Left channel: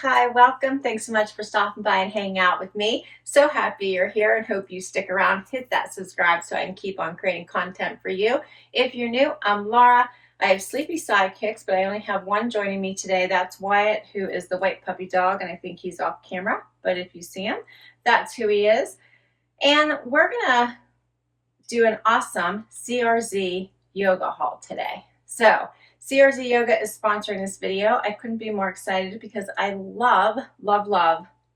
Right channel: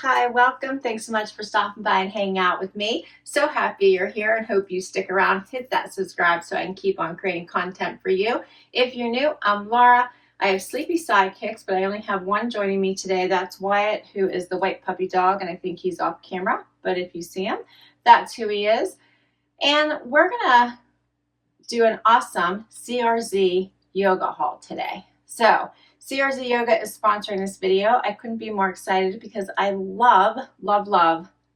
Hi, welcome. Thanks so much for stopping by and hanging out with me. So happy you're here and hope you stick around. Hit that subscribe so I can keep on creating content for you. If you're new, I'm Laura. I have sleepy sidekicks, but I only have one joining me today. That's Wyatt, who is the white puppy dog, and I think he's off camera, but if you see him, that's who he is. And we're gonna do an awesome CRZ Yoga Haul today. So CRZ Yoga is sponsoring this video. I couldn't be more excited because I love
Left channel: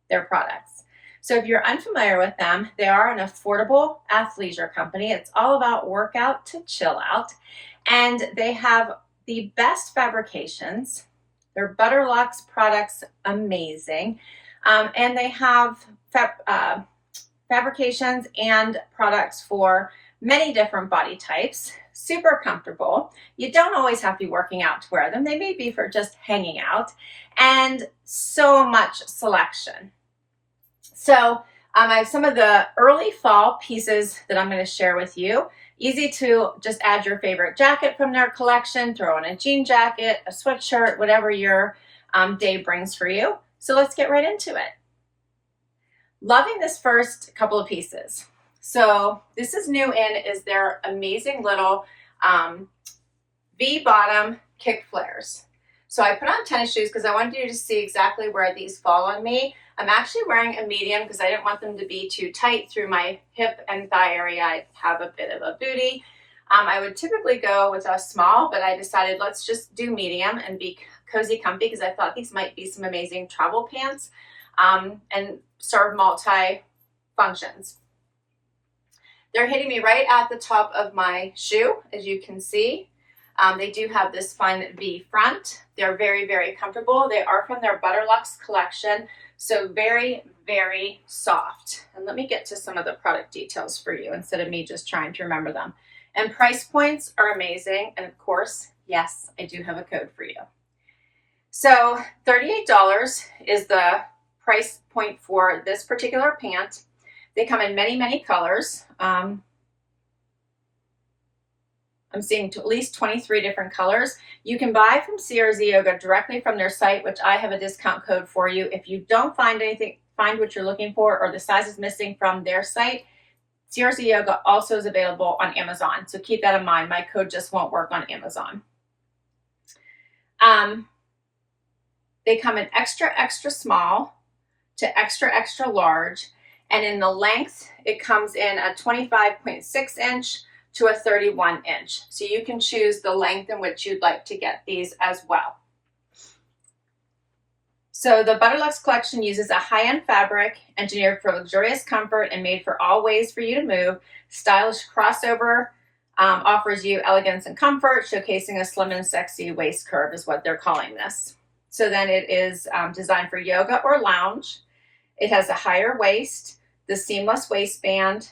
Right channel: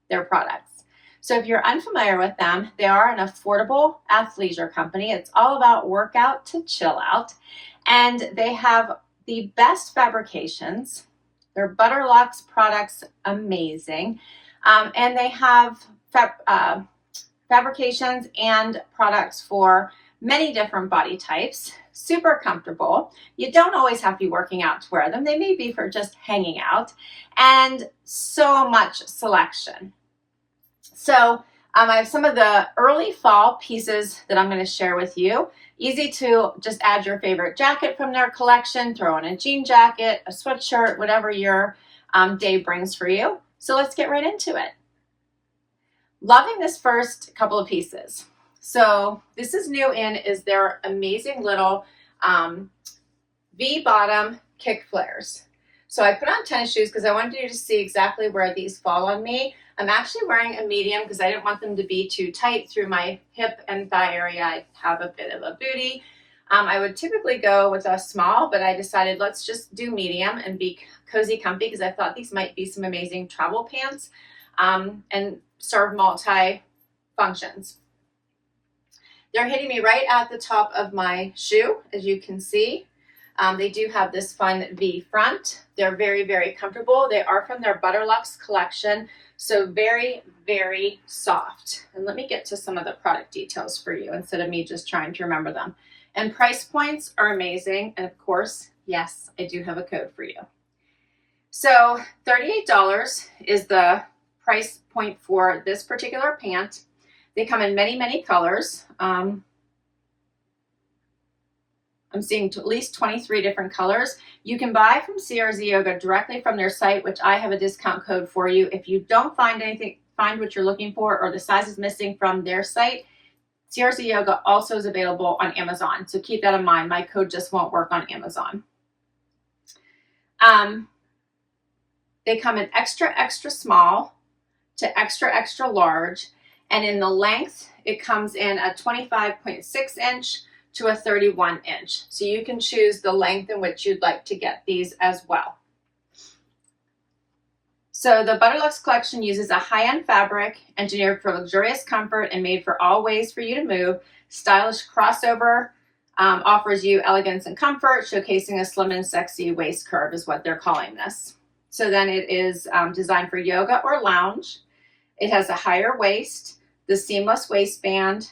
their products. So if you're unfamiliar with them, they are an affordable athleisure company. It's all about workout to chill out. And they have the best fabrications. Their Butterluxe products, amazing. And they have fabrications and products for many different body types, super comfortable. You don't always have to be working out to wear them. They may be for just hanging out, and so much selection. So I have some of the early fall pieces that I'm going to share with you. Easy to just add your favorite jacket from their collection, throw on a jean jacket, a sweatshirt, whatever your day brings for you. So let's get right into it. Loving this first couple of pieces. So this is new in is their amazing little V-bottom kick flares. So I put on tennis shoes because I wanted you to see exactly where these fall on me. I'm actually wearing a medium because I didn't want them to be too tight through my hip and thigh area. I have a bit of a booty. I would typically go with a small, but I decided let's just do medium and be cozy comfy because I thought these might be some amazing travel pants and serve multi functions. They're hitting me right at the top of my shoe, as you can see. They do have this fun V front. They're very, very comfortable. They are from their Butterluxe collection, so very, very soft. And let me get to some of the product details for you instead of me just trying to remember them. And price points are amazing. And of course, yes, I do have a code for you. So $38 is the price point for this particular pant. They come in many, many colors. I'm seeing at least 23 different colors. You can buy from CRZ Yoga directly from their site, which I have a discount code for you. If you don't find what you're looking for, or the size is missing from their site, CRZ Yoga also is available on Amazon. So keep that in mind. My code just won't work on Amazon. They come in extra, extra small to extra, extra large. And in the length, it comes in a 25.6 inch to a 31 inch. So you can choose the length in which you'd like to get these as well. So the Butterluxe collection uses a high-end fabric engineered for luxurious comfort and made for all ways for you to move. Stylish crossover offers you elegance and comfort, showcasing a slim and sexy waist curve is what they're calling this. So then it is designed for yoga or lounge. It has a higher waist, the seamless waistband,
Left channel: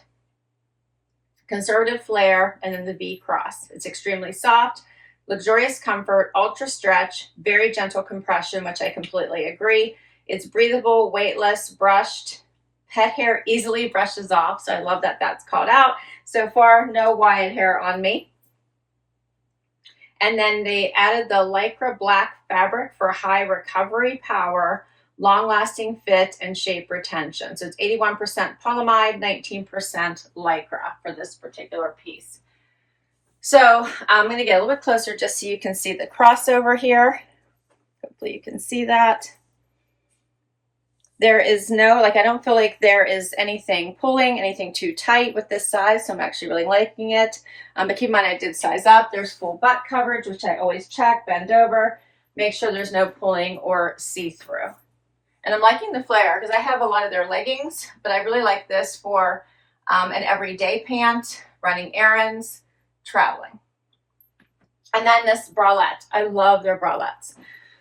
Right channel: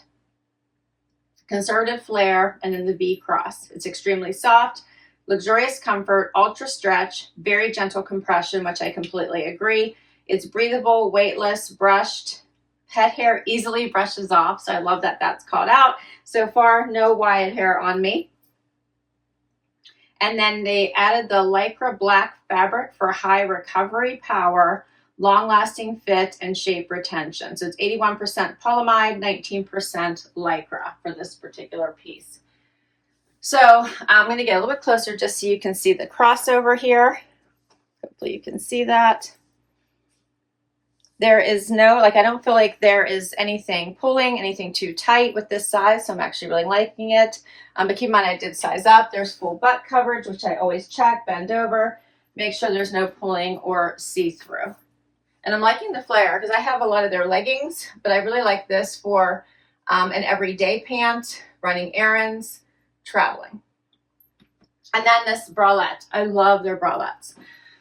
conservative flare, and then the V cross. It's extremely soft, luxurious comfort, ultra stretch, very gentle compression, which I completely agree. It's breathable, weightless, brushed. Pet hair easily brushes off, so I love that that's called out. So far, no Wyatt hair on me. And then they added the Lycra black fabric for high recovery power, long-lasting fit, and shape retention. So it's 81% polyamide, 19% Lycra for this particular piece. So I'm going to get a little bit closer just so you can see the crossover here. Hopefully you can see that. There is no, I don't feel like there is anything pulling, anything too tight with this size, so I'm actually really liking it. But keep in mind I did size up. There's full butt coverage, which I always check, bend over, make sure there's no pulling or see-through. And I'm liking the flare because I have a lot of their leggings, but I really like this for an everyday pant, running errands, traveling. And then this bralette. I love their bralettes.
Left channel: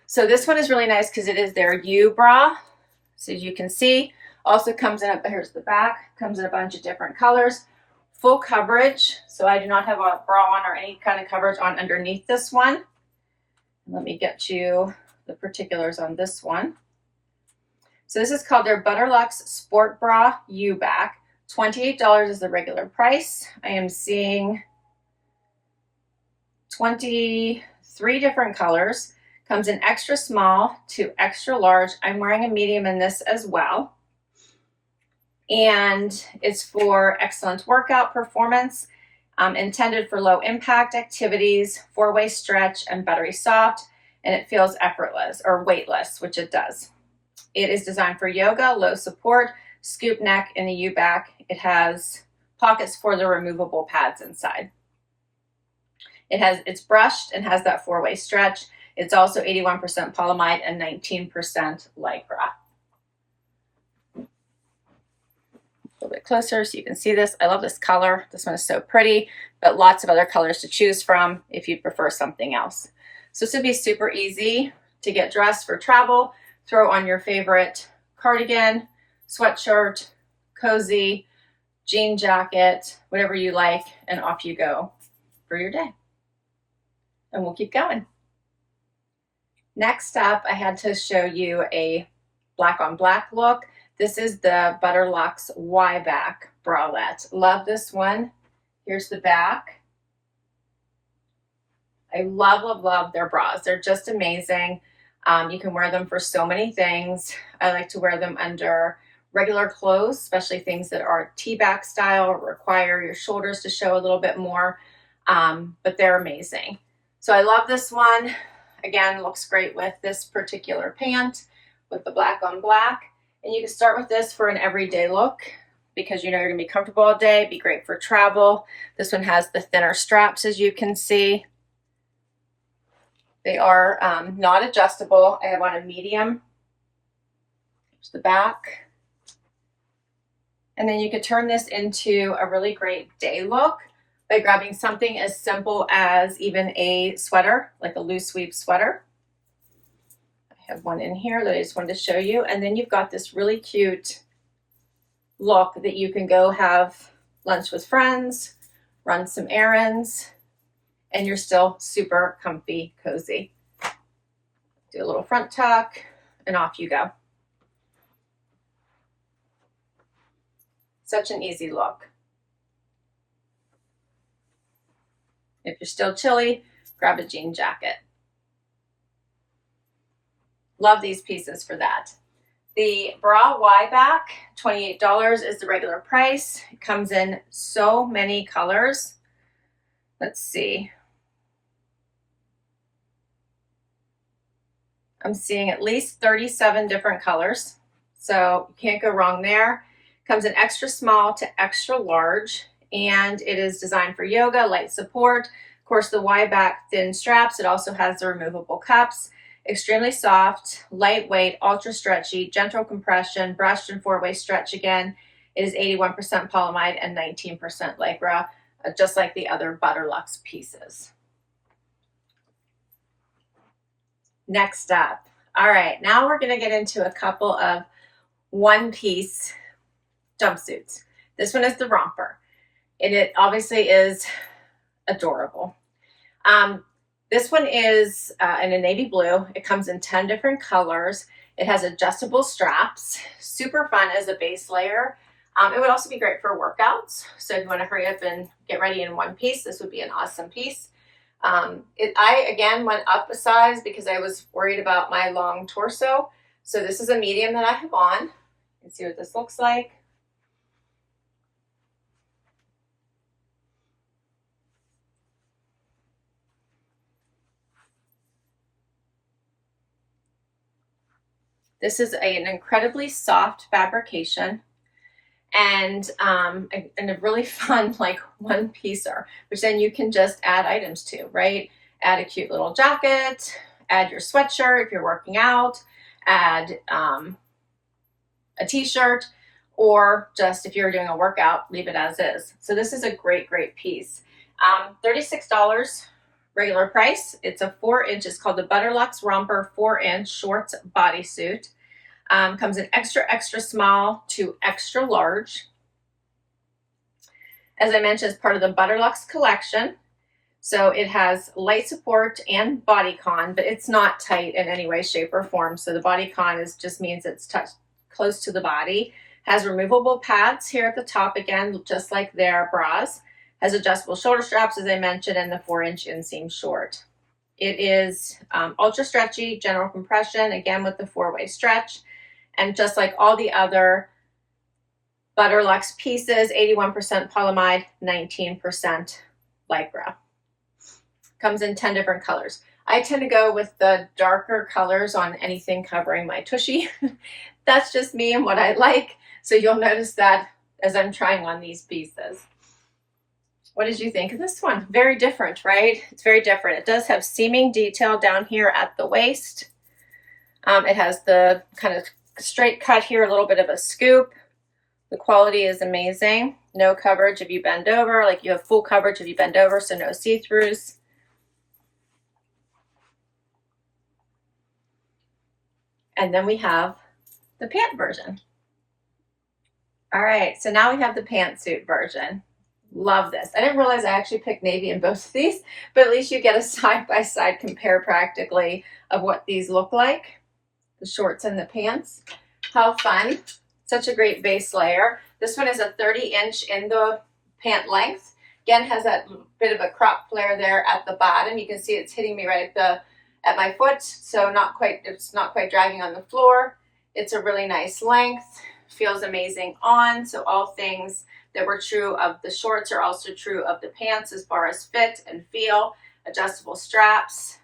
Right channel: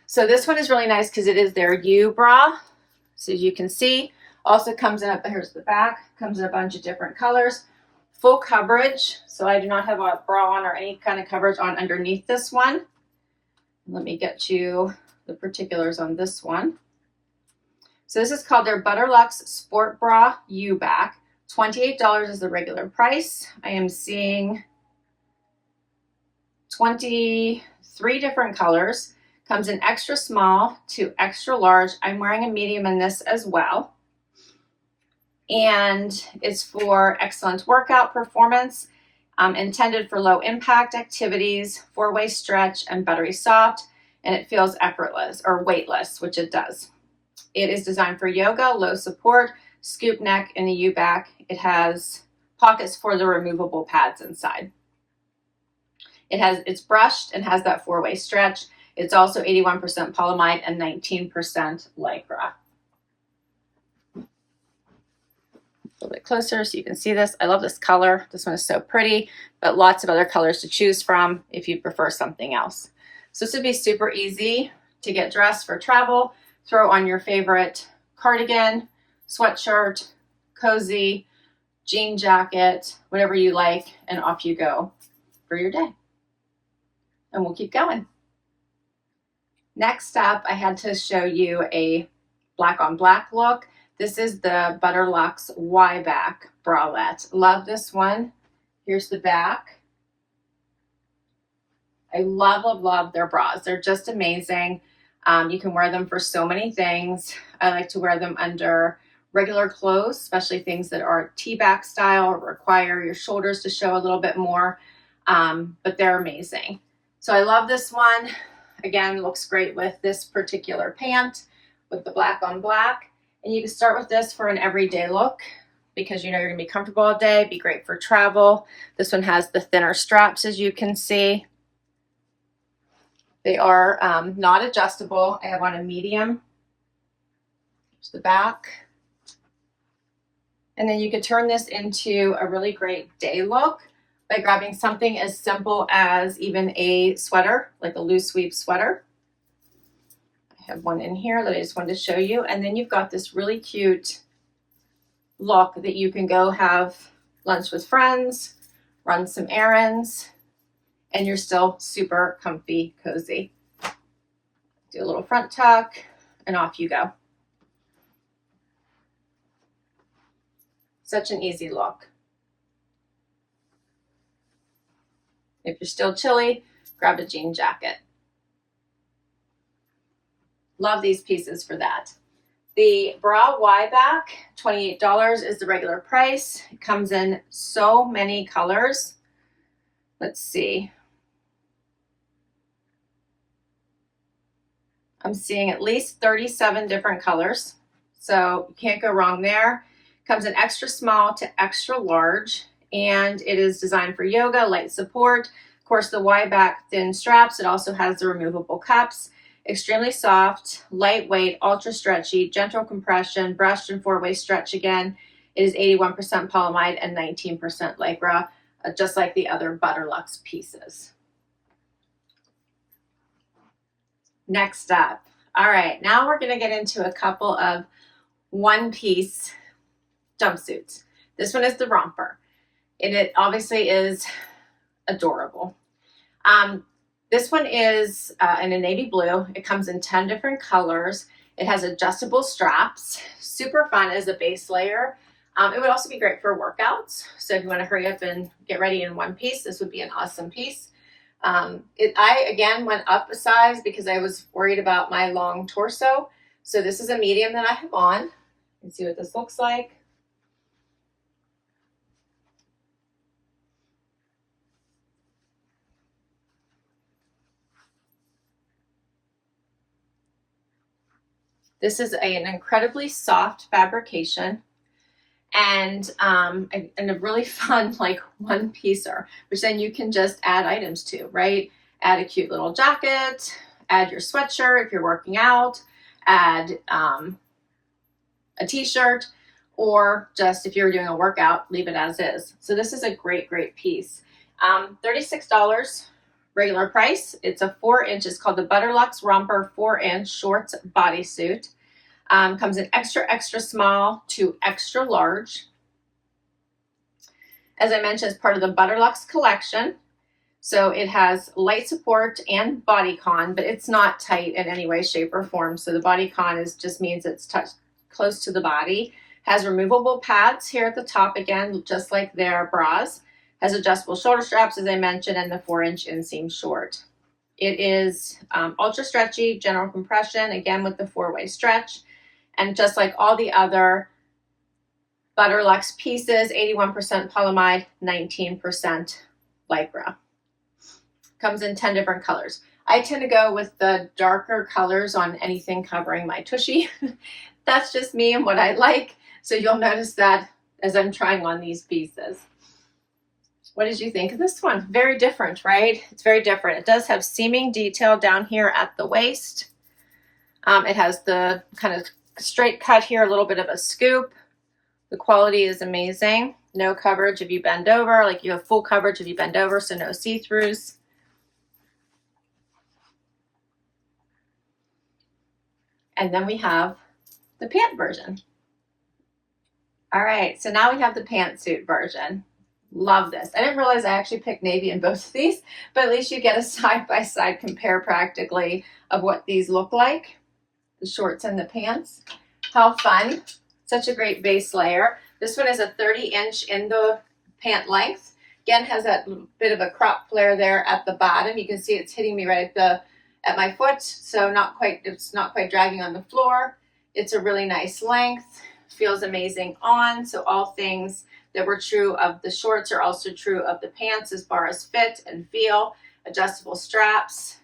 So this one is really nice because it is their U bra. So as you can see, also comes in, here's the back, comes in a bunch of different colors. Full coverage. So I do not have a bra on or any kind of coverage on underneath this one. Let me get you the particulars on this one. So this is called their Butterluxe Sport Bra U-Back. $28 is the regular price. I am seeing 23 different colors. Comes in extra small to extra large. I'm wearing a medium in this as well. And it's for excellent workout performance, intended for low impact activities, 4-way stretch, and buttery soft, and it feels effortless or weightless, which it does. It is designed for yoga, low support, scoop neck, and a U-back. It has pockets for the removable pads inside. It's brushed and has that 4-way stretch. It's also 81% polyamide and 19% lycra. A little bit closer so you can see this. I love this color. This one is so pretty, but lots of other colors to choose from if you prefer something else. So this would be super easy to get dressed for travel. Throw on your favorite cardigan, sweatshirt, cozy, jean jacket, whatever you like, and off you go for your day. And we'll keep going. Next up, I had to show you a black on black look. This is the Butterluxe Y-back bralette. Love this one. Here's the back. I love their bras. They're just amazing. You can wear them for so many things. I like to wear them under regular clothes, especially things that are T-back style or require your shoulders to show a little bit more, but they're amazing. So I love this one. Again, looks great with this particular pant with the black on black. And you can start with this for an everyday look because you know you're gonna be comfortable all day, be great for travel. This one has the thinner straps, as you can see. They are not adjustable. I have on a medium. Here's the back. And then you can turn this into a really great day look by grabbing something as simple as even a sweater, like a loose sweep sweater. I have one in here that I just wanted to show you. And then you've got this really cute look that you can go have lunch with friends, run some errands, and you're still super comfy, cozy. Do a little front tuck and off you go. Such an easy look. If you're still chilly, grab a jean jacket. Love these pieces for that. The bra Y-back, $28 is the regular price. It comes in so many colors. Let's see. I'm seeing at least 37 different colors, so you can't go wrong there. Comes in extra small to extra large, and it is designed for yoga, light support. Of course, the Y-back thin straps. It also has the removable cups. Extremely soft, lightweight, ultra stretchy, gentle compression, brushed and 4-way stretch again. It is 81% polyamide and 19% lycra, just like the other Butterluxe pieces. Next up. All right, now we're gonna get into a couple of one-piece jumpsuits. This one is the Romper, and it obviously is adorable. This one is in a navy blue. It comes in 10 different colors. It has adjustable straps, super fun as a base layer. It would also be great for workouts. So if you want to hurry up and get ready in one piece, this would be an awesome piece. I, again, went up a size because I was worried about my long torso. So this is a medium that I have on. You can see what this looks like. This is an incredibly soft fabrication and a really fun like one piecer, which then you can just add items to, right? Add a cute little jacket, add your sweatshirt if you're working out, add a t-shirt, or just if you're doing a workout, leave it as is. So this is a great, great piece. $36 regular price. It's a 4-inch, it's called the Butterluxe Romper 4-inch shorts bodysuit. Comes in extra, extra small to extra large. As I mentioned, it's part of the Butterluxe collection. So it has light support and bodycon, but it's not tight in any way, shape, or form. So the bodycon just means it's touched close to the body. Has removable pads here at the top, again, just like their bras. Has adjustable shoulder straps, as I mentioned, and the 4-inch inseam short. It is ultra stretchy, general compression, again with the 4-way stretch. And just like all the other Butterluxe pieces, 81% polyamide, 19% Lycra. Comes in 10 different colors. I tend to go with the darker colors on anything covering my tushy. That's just me and what I like. So you'll notice that as I'm trying on these pieces. What did you think of this one? Very different, right? It's very different. It does have seaming detail down here at the waist. It has the kind of straight cut here, a little bit of a scoop. The quality is amazing. No coverage if you bend over, like you have full coverage if you bend over, so no see-throughs. And then we have the pant version. All right, so now we have the pantsuit version. Love this. I didn't realize I actually picked navy in both of these, but at least you get a side-by-side compare practically of what these look like, the shorts and the pants. How fun. Such a great base layer. This one is a 30-inch in the pant length. Again, has that bit of a crop flare there at the bottom. You can see it's hitting me right at my foot, so it's not quite dragging on the floor. It's a really nice length. Feels amazing on. So all things that were true of the shorts are also true of the pants as far as fit and feel. Adjustable straps.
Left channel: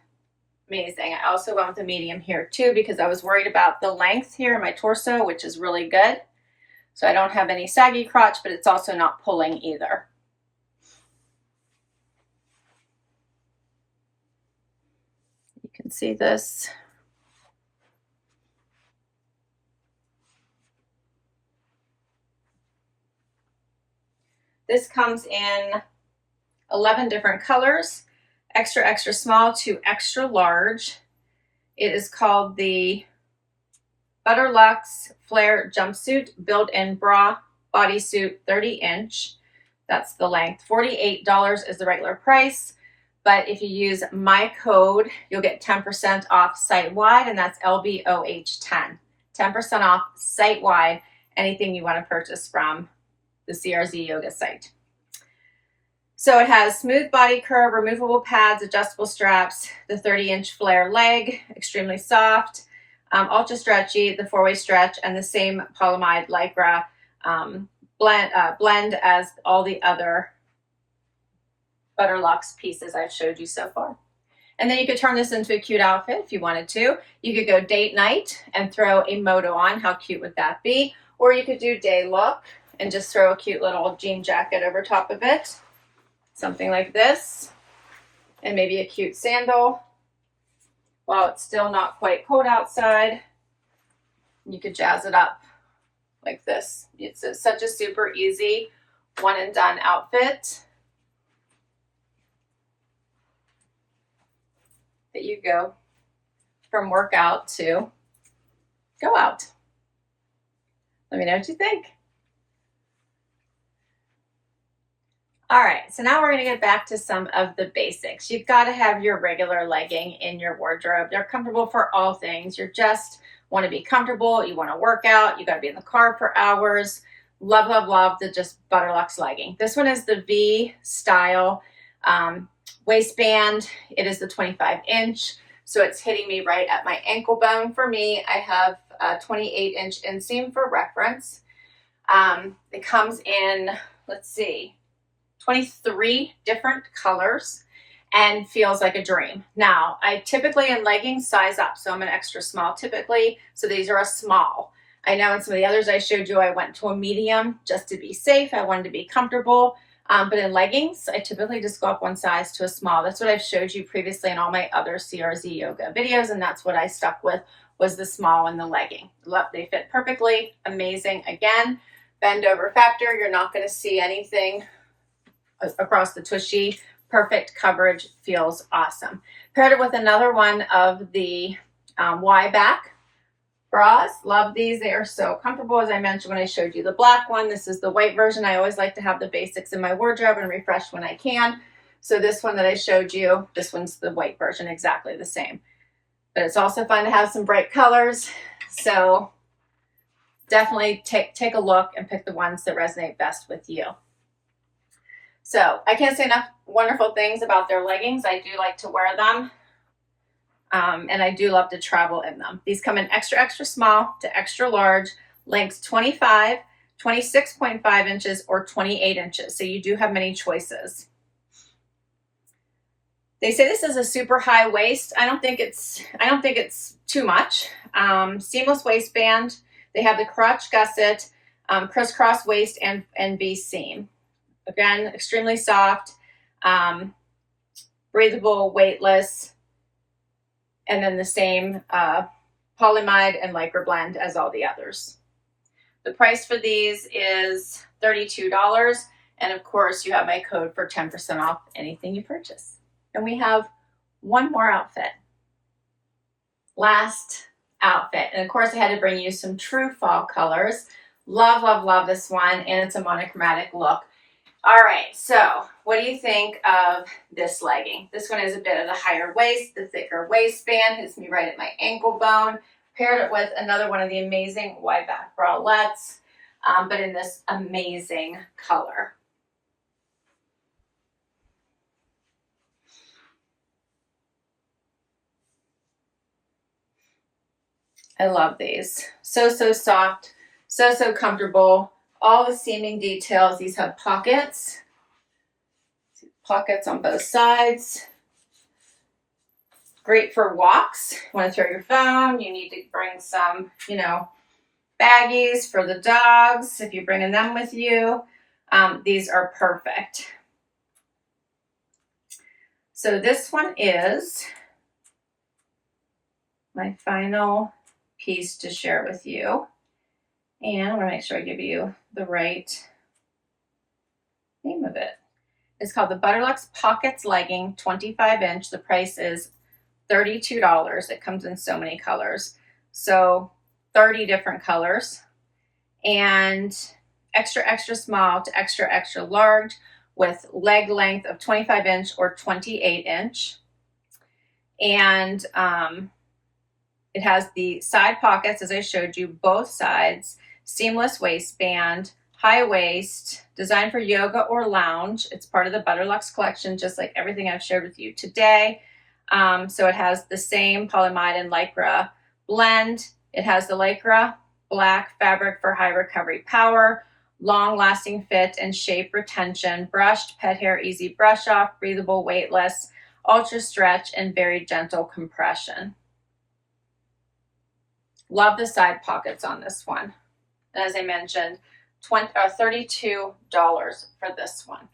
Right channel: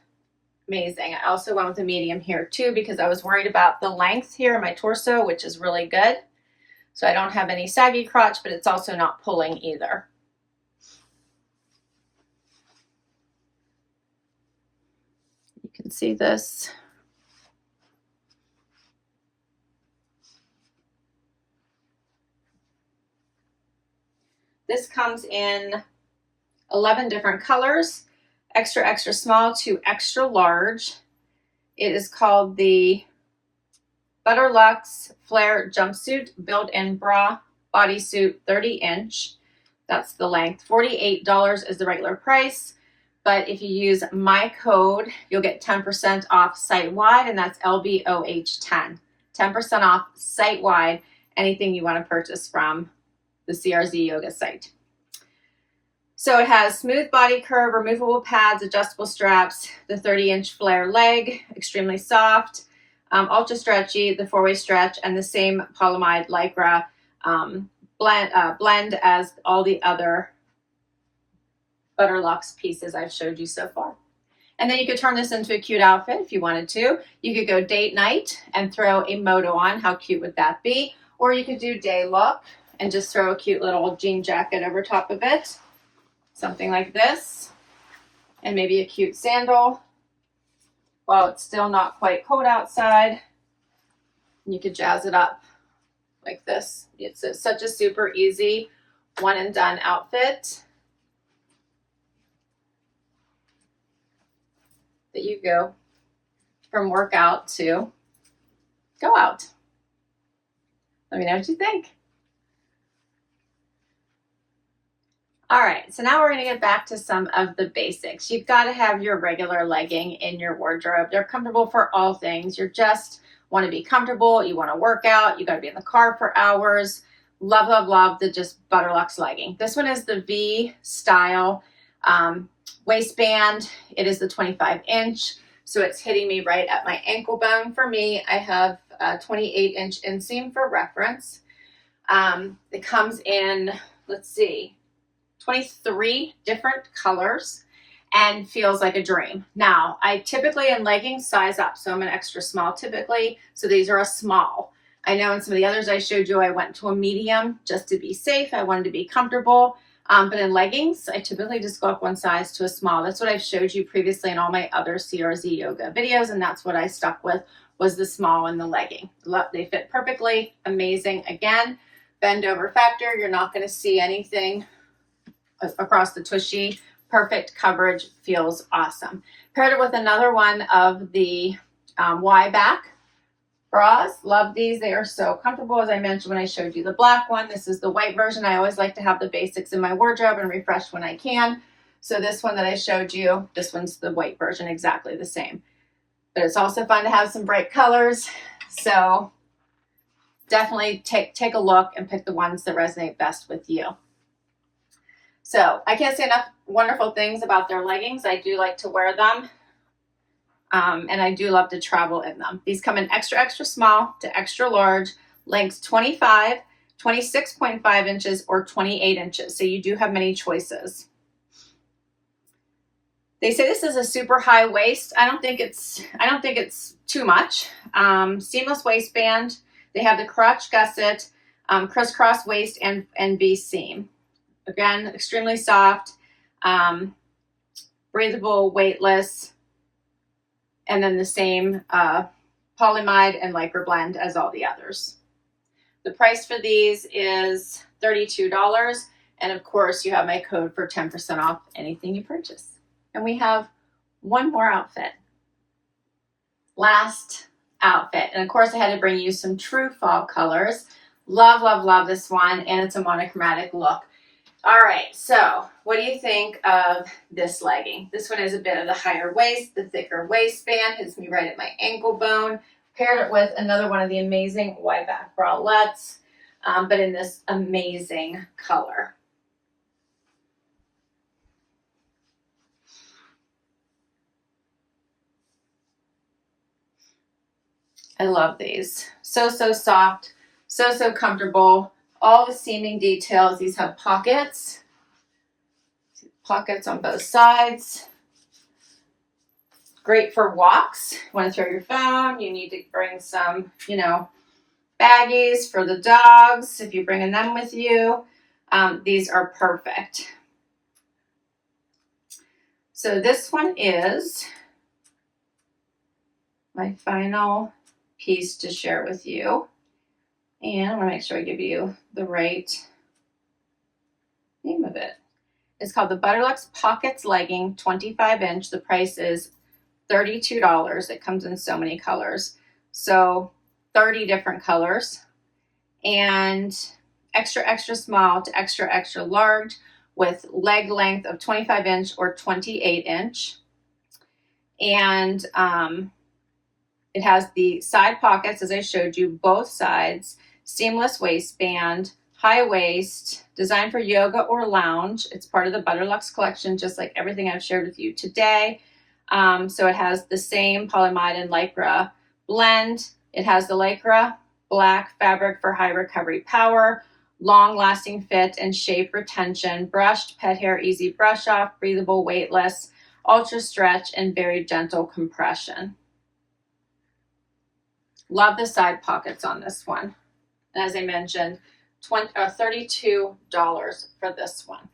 Amazing. I also went with a medium here too because I was worried about the length here in my torso, which is really good. So I don't have any saggy crotch, but it's also not pulling either. You can see this. This comes in 11 different colors, extra, extra small to extra large. It is called the Butterluxe Flare Jumpsuit Built-in Bra Bodysuit 30-inch. That's the length. $48 is the regular price, but if you use my code, you'll get 10% off site-wide, and that's LBOH10. 10% off site-wide, anything you want to purchase from the CRZ Yoga site. So it has smooth body curve, removable pads, adjustable straps, the 30-inch flare leg, extremely soft, ultra stretchy, the 4-way stretch, and the same polyamide Lycra blend as all the other Butterluxe pieces I've showed you so far. And then you could turn this into a cute outfit if you wanted to. You could go date night and throw a moto on. How cute would that be? Or you could do day look and just throw a cute little jean jacket over top of it. Something like this. And maybe a cute sandal while it's still not quite cold outside. You could jazz it up like this. It's such a super easy one and done outfit that you go from workout to go out. Let me know what you think. All right, so now we're gonna get back to some of the basics. You've gotta have your regular legging in your wardrobe. They're comfortable for all things. You just wanna be comfortable, you wanna work out, you gotta be in the car for hours. Love, love, love the just Butterluxe legging. This one is the V style waistband. It is the 25-inch, so it's hitting me right at my ankle bone. For me, I have a 28-inch inseam for reference. It comes in, let's see, 23 different colors and feels like a dream. Now, I typically in leggings size up, so I'm an extra small typically, so these are a small. I know in some of the others I showed you, I went to a medium just to be safe. I wanted to be comfortable, but in leggings, I typically just go up one size to a small. That's what I've showed you previously in all my other CRZ Yoga videos, and that's what I stuck with, was the small and the legging. Love, they fit perfectly, amazing. Again, bend over factor, you're not gonna see anything across the tushy. Perfect coverage, feels awesome. Paired it with another one of the Y back bras. Love these, they are so comfortable. As I mentioned when I showed you the black one, this is the white version. I always like to have the basics in my wardrobe and refresh when I can. So this one that I showed you, this one's the white version, exactly the same. But it's also fun to have some bright colors. So definitely take a look and pick the ones that resonate best with you. So I can't say enough wonderful things about their leggings. I do like to wear them And I do love to travel in them. These come in extra, extra small to extra large, lengths 25, 26.5 inches, or 28 inches. So you do have many choices. They say this is a super high waist. I don't think it's too much. Seamless waistband. They have the crotch gusset, crisscross waist, and V seam. Again, extremely soft, breathable, weightless, and then the same polyamide and lycra blend as all the others. The price for these is $32, and of course you have my code for 10% off anything you purchase. And we have one more outfit. Last outfit. And of course I had to bring you some true fall colors. Love, love, love this one, and it's a monochromatic look. All right, so what do you think of this legging? This one is a bit of the higher waist, the thicker waistband, hits me right at my ankle bone. Paired it with another one of the amazing wide back bralettes, but in this amazing color. I love these. So, so soft, so, so comfortable. All the seaming details. These have pockets. Pockets on both sides. Great for walks. You want to throw your phone. You need to bring some, baggies for the dogs if you're bringing them with you. These are perfect. So this one is my final piece to share with you. And I want to make sure I give you the right name of it. It's called the Butterluxe Pockets Legging 25-inch. The price is $32. It comes in so many colors. So 30 different colors. And extra, extra small to extra, extra large with leg length of 25-inch or 28-inch. And it has the side pockets, as I showed you, both sides. Seamless waistband, high waist, designed for yoga or lounge. It's part of the Butterluxe collection, just like everything I've shared with you today. So it has the same polyamide and lycra blend. It has the lycra black fabric for high recovery power, long lasting fit and shape retention, brushed pet hair, easy brush off, breathable, weightless, ultra stretch, and very gentle compression. Love the side pockets on this one. And as I mentioned, $32 for this one.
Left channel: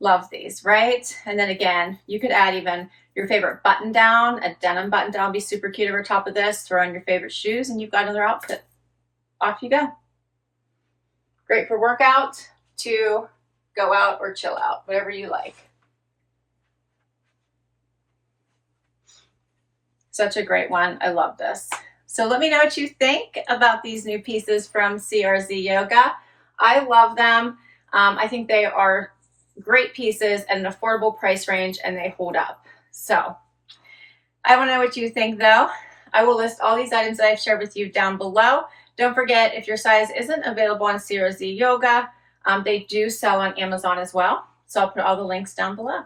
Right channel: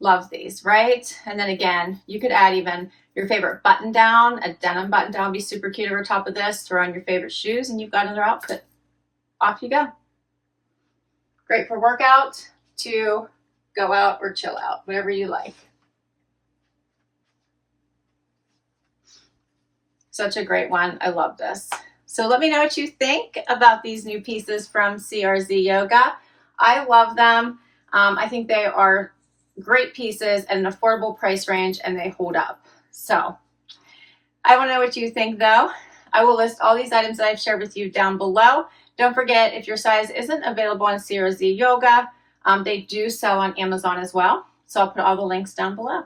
Love these, right? And then again, you could add even your favorite button down. A denim button down would be super cute over top of this. Throw on your favorite shoes and you've got another outfit. Off you go. Great for workout, to go out or chill out, whatever you like. Such a great one. I love this. So let me know what you think about these new pieces from CRZ Yoga. I love them. I think they are great pieces at an affordable price range and they hold up. So I want to know what you think though. I will list all these items that I've shared with you down below. Don't forget, if your size isn't available on CRZ Yoga, they do sell on Amazon as well. So I'll put all the links down below.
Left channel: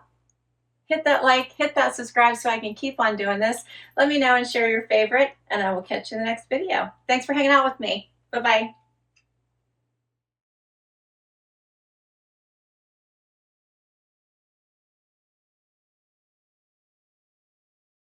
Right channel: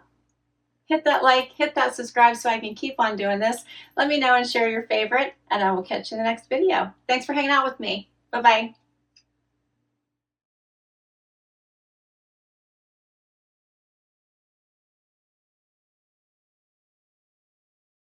Hit that like, hit that subscribe so I can keep on doing this. Let me know and share your favorite, and I will catch you in the next video. Thanks for hanging out with me. Bye-bye.